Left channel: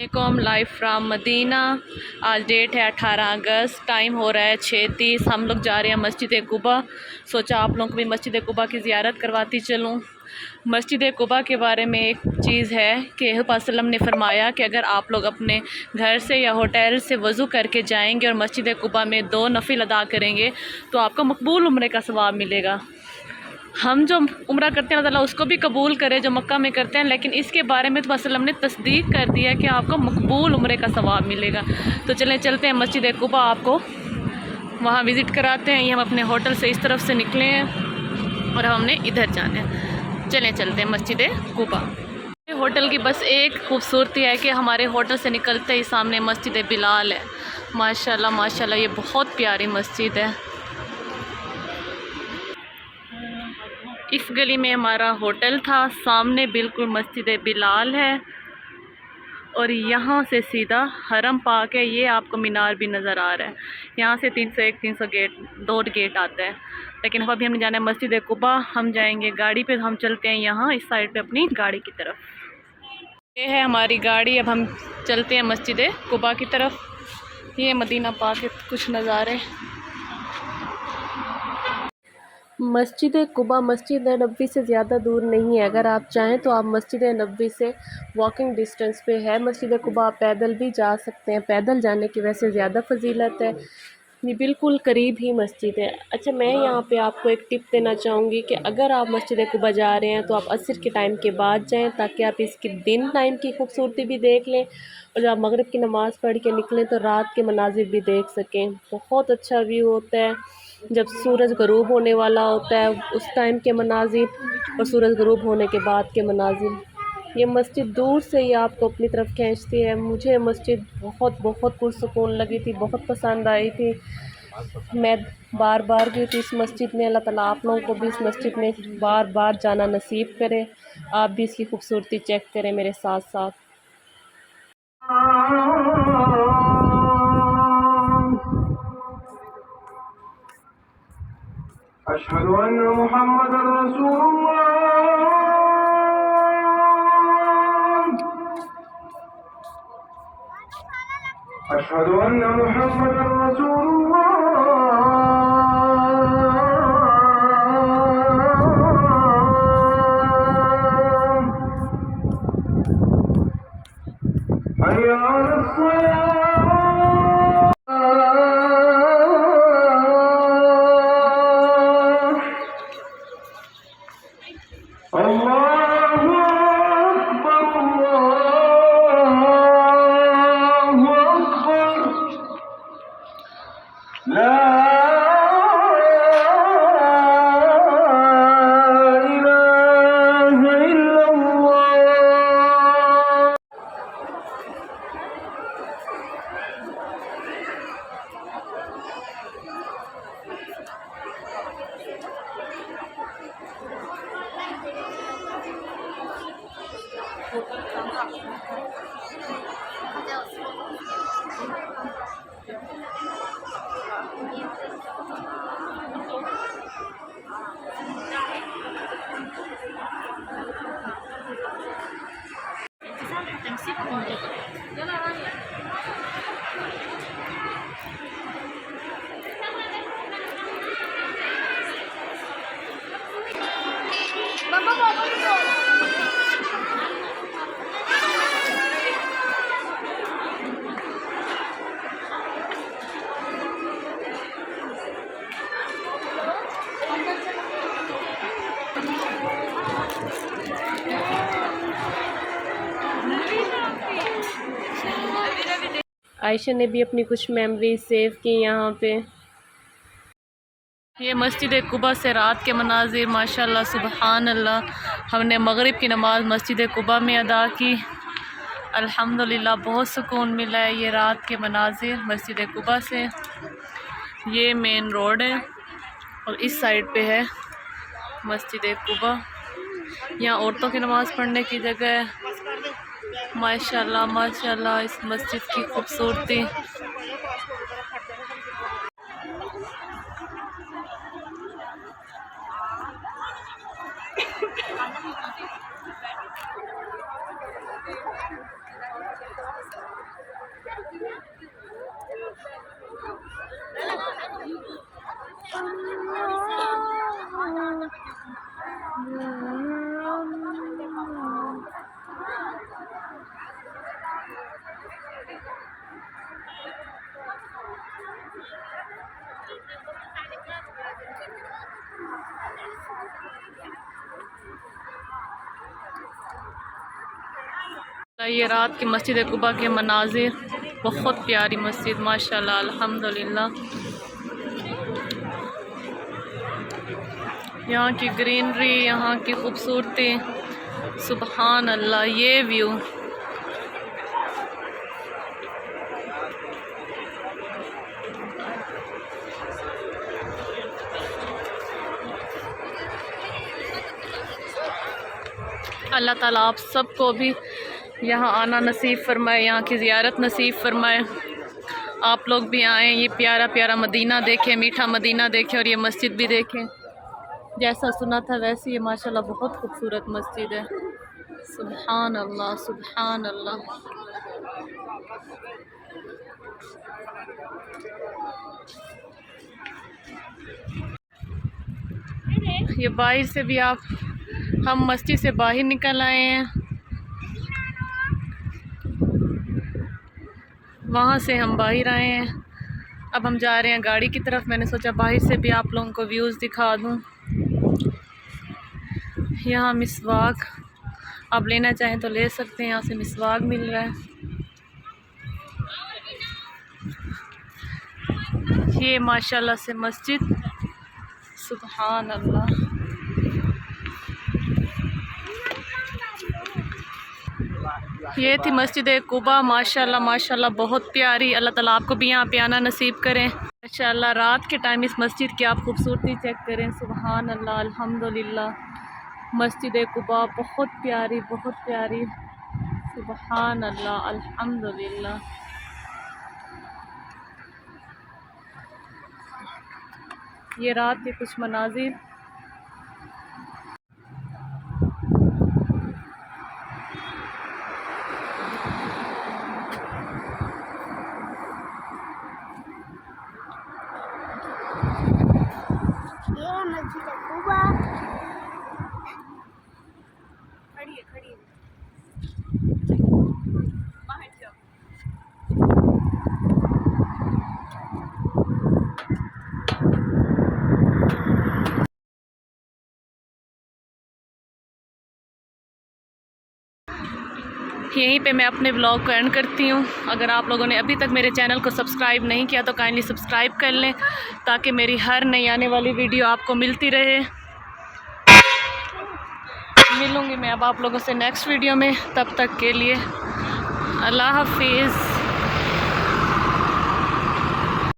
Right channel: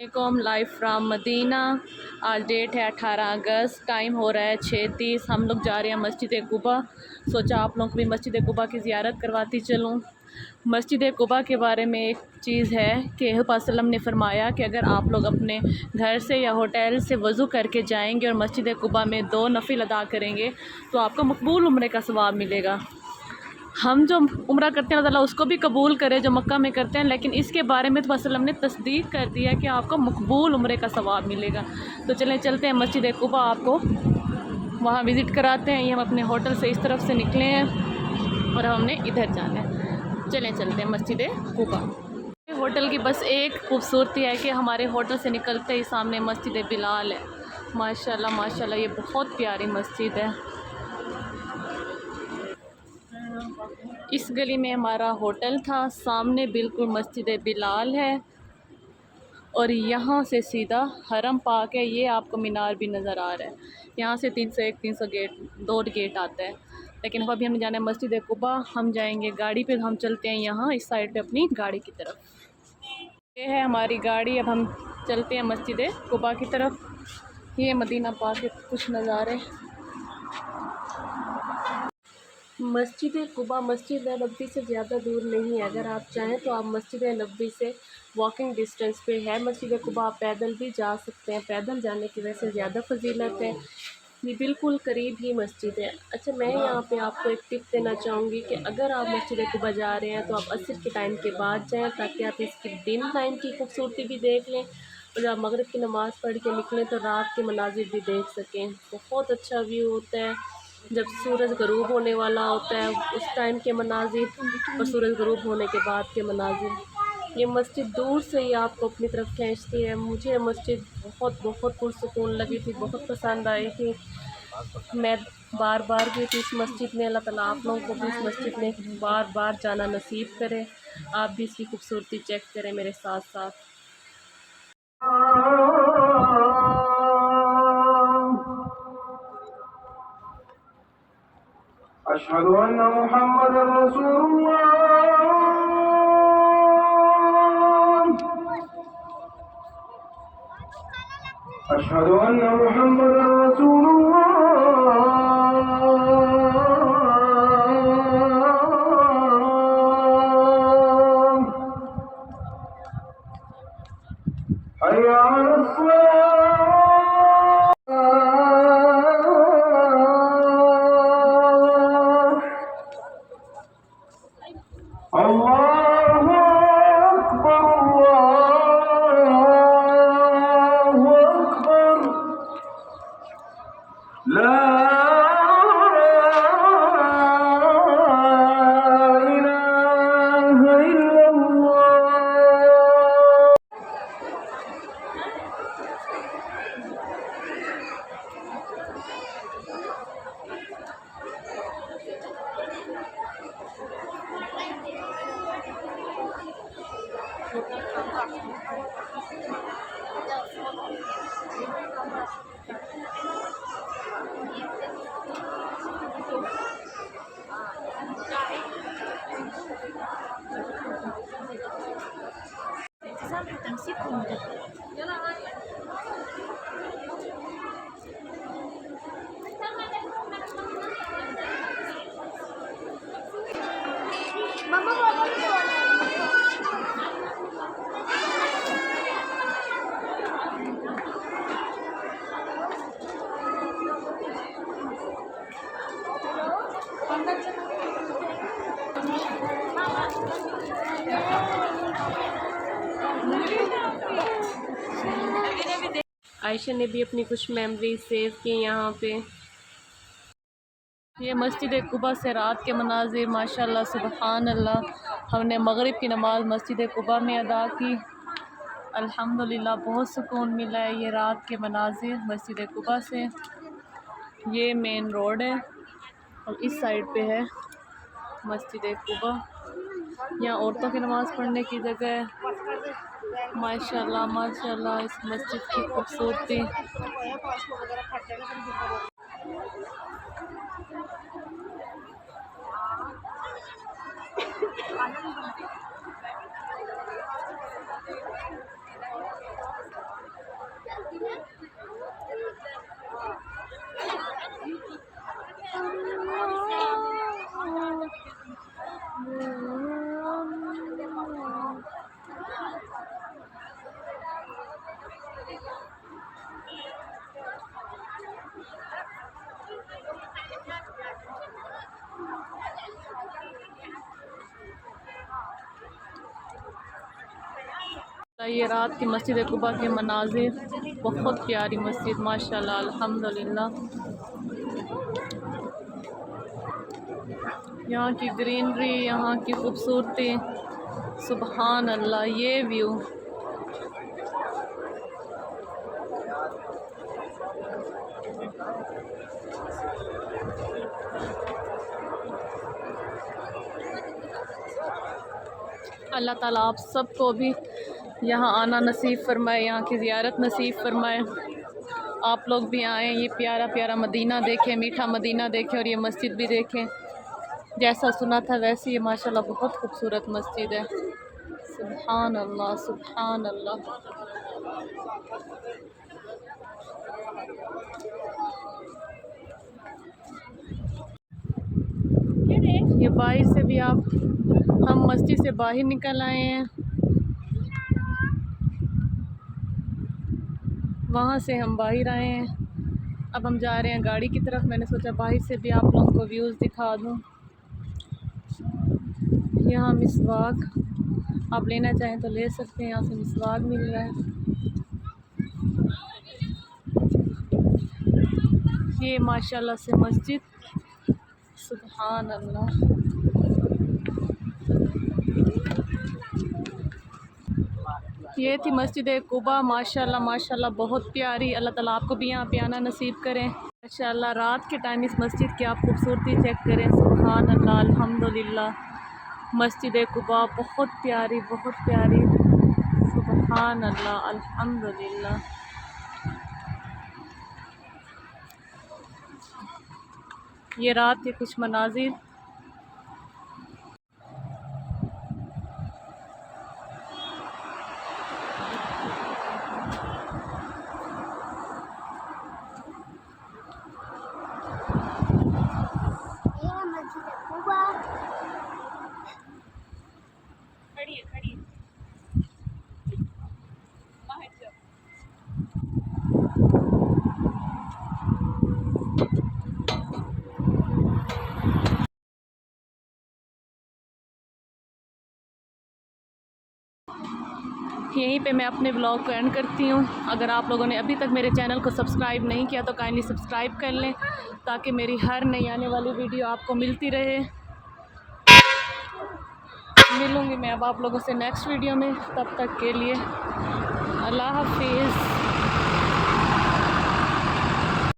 वालेकुम, live from Medina. आज date है 18 अगस्त, टाइम हो रहा है 6:30। हम लोग जा रहे हैं मस्जिद कुबा। सोचा आप लोगों को भी मस्जिद कुबा की ज़ियारत करवाती चलूँ। मस्जिद कुबा के बारे में एक चीज़ है कि वसल्लम ने फ़रमाया कि अगर आप लोग अपने घर से या होटल से वज़ू करके जाएंगे और मस्जिद कुबा में 2 नफिल अदा करेंगे तो आपको मकबूल उम्रे का सवाब मिलेगा। हम जो उम्रा करते हैं अल्लाह ताला उसको भी कबूल करे जो मक्का में करते हैं, लेकिन इसके बारे में तो वसल्लम ने तस्दीक कर दिया कि आपको मकबूल उम्रे का सवाब मिलेगा। तो चलते हैं मस्जिद कुबा, आपको वहाँ विज़िट कराते हैं। ये हम अपने होटल से इस तरफ से निकले हैं और हमने इधर जाना है। चलते हैं मस्जिद कुबा। होटल की बस एक खूबसूरती है कि हमारे होटल से निकलते ही सामने मस्जिद बिलाल है। माशाल्लाह माशाल्लाह, ये बहुत प्यारी मस्जिद है। इस गली में हमारा होटल था, सामने बिल्कुल मस्जिद बिलाल है और यहाँ से सीधा हरम पाक है। ये आपको मीनार भी नज़र आ रहा है। यहाँ से 301 300 गेट 2 गेट आता है, लेकिन अभी हमने जाना है मस्जिद कुबा। हम जाएंगे गाड़ी पे, हम चलते हैं यहाँ इस साइड पे अपनी गाड़ी की तरफ। ये है हमारी गाड़ी, अब हम चलते हैं मस्जिद कुबा की तरफ। ये मदीना पाक के कुछ नज़ारे। मस्जिद कुबा मस्जिद नबवी से ज़्यादा दूर नहीं है। अगर आप चाहें तो आप मस्जिद नबवी से वॉकिंग डिस्टेंस पे है। मस्जिद कुबा आप पैदल भी जा सकते हैं, पैदल जाने की वैसे ज़्यादा फजीलत है। ये बिल्कुल करीब ही मस्जिद है। अच्छा, मैं यहाँ पे आपको एक टिप देना चाहूँगी कि अगर आप मस्जिद कुबा जा रहे हैं तो आप असर के टाइम के बाद जाएँ, ताकि आप इसकी दिन टाइम की खूबसूरती भी देख लें और जब आप मगरिब की नमाज़ पढ़ के निकलें तो रात के मनाजिर भी देख सकें। बहुत अच्छा व्यू होता है जब सूरज ग़रूब होने वाला होता है, उस टाइम के मनाजिर और सूरज ग़रूब होने के बाद के मनाजिर। ये मस्जिद दूर से ही आपको अपनी तरफ खींचती है। मुझे मस्जिद बहुत बहुत पुरसुकून लगी थी, बहुत पसंद आई थी। मैं बार बार गई थी इस मस्जिद में। अल्लाह ताला आप लोगों को भी इस मस्जिद में बार बार जाना नसीब करे। आप भी इसकी खूबसूरती चेक करें मेरे साथ साथ। अशहदु अन्ना मुहम्मदर रसूलुल्लाह। अशहदु अन्ना मुहम्मदर रसूलुल्लाह। हय्या अलस सलाह। अल्लाहु अकबर, अल्लाहु अकबर, ला इलाहा इल्लल्लाह। आयशा ने भी अपनी कुछ मेमोरी सेव की यहाँ पे। ये मस्जिद कुबा से रात के मनाजिर, माशाल्लाह सुबहान अल्लाह। हमने मगरिब की नमाज़ मस्जिद कुबा में अदा की। अल्हम्दुलिल्लाह बहुत सुकून मिला है। ये रात के मनाजिर मस्जिद कुबा से। ये मेन रोड है और इस साइड पे है मस्जिद कुबा। यहाँ औरतों की नमाज़ पढ़ने की जगह है। माशाल्लाह माशाल्लाह, इस मस्जिद की खूबसूरती। ये रात की मस्जिद कुबा के मनाजिर, बहुत प्यारी मस्जिद माशाल्लाह अल्हम्दुलिल्लाह। यहाँ की ग्रीनरी, यहाँ की खूबसूरती, सुबहान अल्लाह। ये व्यू अल्लाह ताला आप सबको भी यहाँ आना नसीब फरमाए, यहाँ की ज़ियारत नसीब फरमाए। आप लोग भी आएँ, ये प्यारा प्यारा मदीना देखें, मीठा मदीना देखें और ये मस्जिद भी देखें। जैसा सुना था वैसे ये माशाल्लाह बहुत खूबसूरत मस्जिद है। सुबहान अल्लाह, सुबहान अल्लाह। ये बाहर से भी हम मस्जिद से बाहर निकल आए हैं, वहाँ से हम बाहर आए हैं। अब हम जा रहे हैं गाड़ी की तरफ। मैंने सोचा बाहर से भी आप लोगों को व्यूज़ दिखा दूँ। यहाँ मिसवाक आप लेना चाहें तो ले सकते हैं, यहाँ से मिसवाक मिल रहा है। ये माशाल्लाह से मस्जिद, सुबहान अल्लाह। ये थी मस्जिद कुबा, माशाल्लाह माशाल्लाह बहुत प्यारी। अल्लाह ताला आपको भी यहाँ पे आना नसीब करें माशाल्लाह। रात के टाइम इस मस्जिद की आप खूबसूरती चेक करें, सुबहान अल्लाह अल्हम्दुलिल्लाह। मस्जिद कुबा बहुत प्यारी, बहुत प्यारी, सुबहान अल्लाह अल्हम्दुलिल्लाह। ये रात के कुछ मनाजिर। खड़ी यहीं पे मैं अपने ब्लॉग को एंड करती हूँ। अगर आप लोगों ने अभी तक मेरे चैनल को सब्सक्राइब नहीं किया तो काइंडली सब्सक्राइब कर लें, ताकि मेरी हर नई आने वाली वीडियो आपको मिलती रहे। मिलूँगी मैं अब आप लोगों से नेक्स्ट वीडियो में, तब तक के लिए अल्लाह हाफिज़।